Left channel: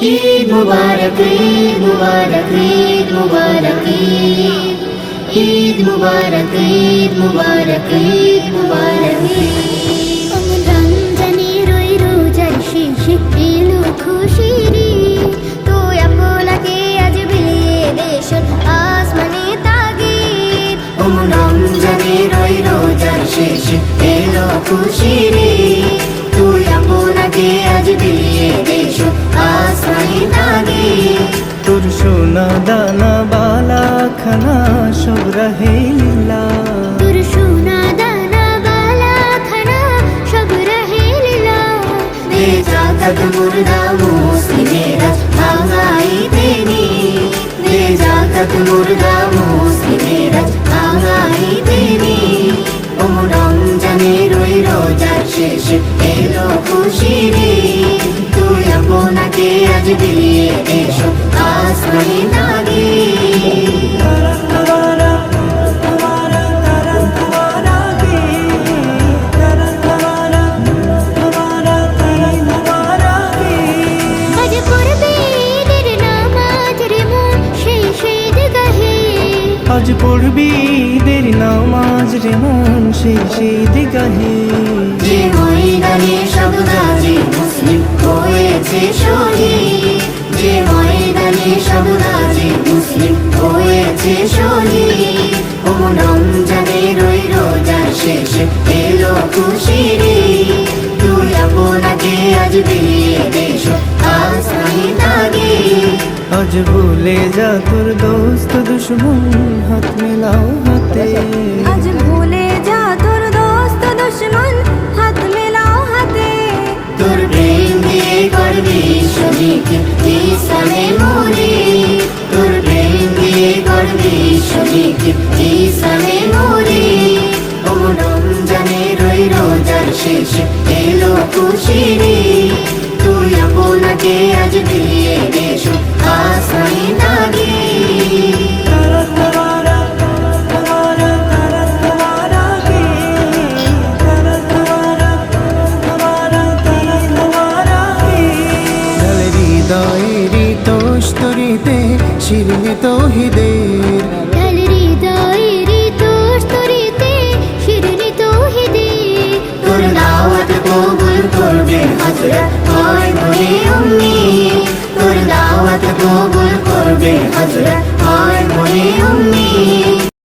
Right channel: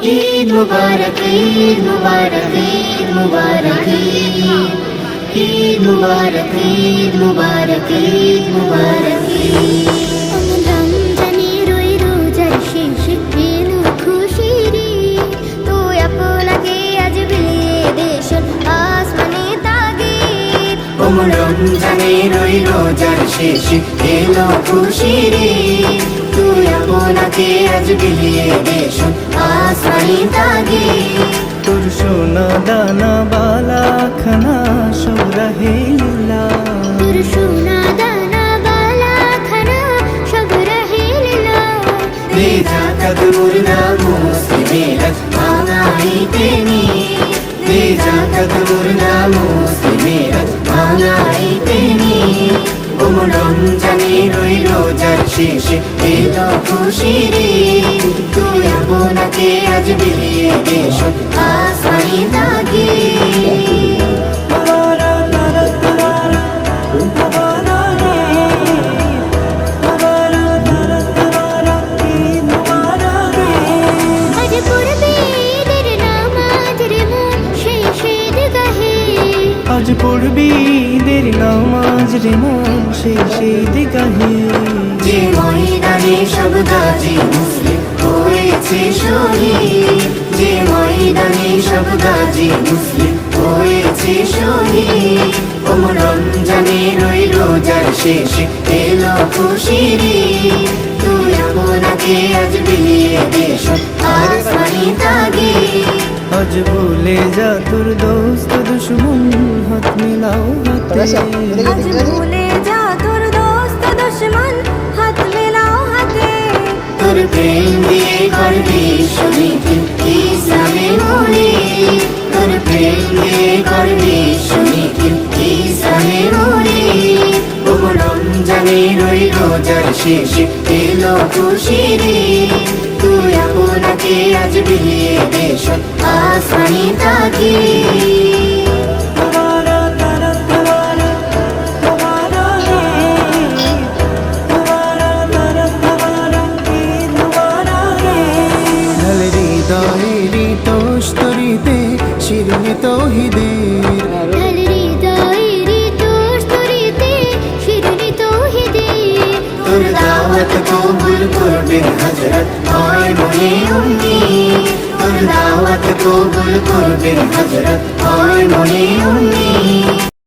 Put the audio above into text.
ঈদ মুবারক ঈদ মুবারক ঈদ মুবারক ঈদ মুবারক ঈদ মুবারক ঈদ মুবারক। অমন রমজানের ওই রোজার শেষে এলো খুশির ঈদ, তুই আপনাকে আজ বিলিয়ে দেশ আসমানে তাগিদ। ওমন রমজানের ওই রোজার শেষে এলো খুশির ঈদ, তুই আপনাকে আজ বিলিয়ে দেশ আসমানি তাগিদ। তোর সোনা দানা বালা খানা সব রহে লীলা, তোর সোনা দানা বালা খানা সব রহে লীলা। দে জাকাত মুর্দা মুসলিমেরা ভাঙাইতে নি, দে জাকাত মুর্দা মুসলিমেরা ভাঙাইতে নি। ওমন রমজানের ওই রোজার শেষে এলো খুশির ঈদ, তুই আপনাকে আজ বিলিয়ে দেশ আসমানি তাগিদ। আজ পড়বে ঈদের নামাজ রে মন সেই ঈদগাহে, আজ পড়বি ঈদের নামাজ রে মন সেই ঈদগাহে। যে ময়দানে সব গাজী মুসলিম হয়েছে শহীদ, যে ময়দানে সব গাজী মুসলিম হয়েছে শহীদ। ওমন রমজানের ওই রোজার শেষে এলো খুশির ঈদ, তুই আপনাকে আজ বিলিয়ে দেশ আসমানি তাগিদ। আজ ভুলে যা তোর দোস্ত দুশ্মন হাত মিলাও হাতে, আজ ভুলে যা তোর দোস্ত দুশ্মন হাত মেলাও হাতে। তোর প্রেম দিয়ে করবি শনিকে ইসলামে মনে, তোর প্রেম দিয়ে করবি শনিকে ইসলামে মনে। ওমন রমজানের ওই রোজার শেষে এলো খুশির ঈদ, তুই আপনাকে আজ বিলিয়ে দেশ আসমানি তাগিদ। ঢাল হৃদয়েরি তোস্তরিতে শিরনে তৌহিদের, ঢাল হৃদয়েরি তোস্তরিতে শিরনি তৌহিদের। তোর দাওয়াত কবুল করবে হযরত হয় মনে উম্মিদ, তোর দাওয়াত কবুল করবে হযরত হয় মনে উম্মিদ।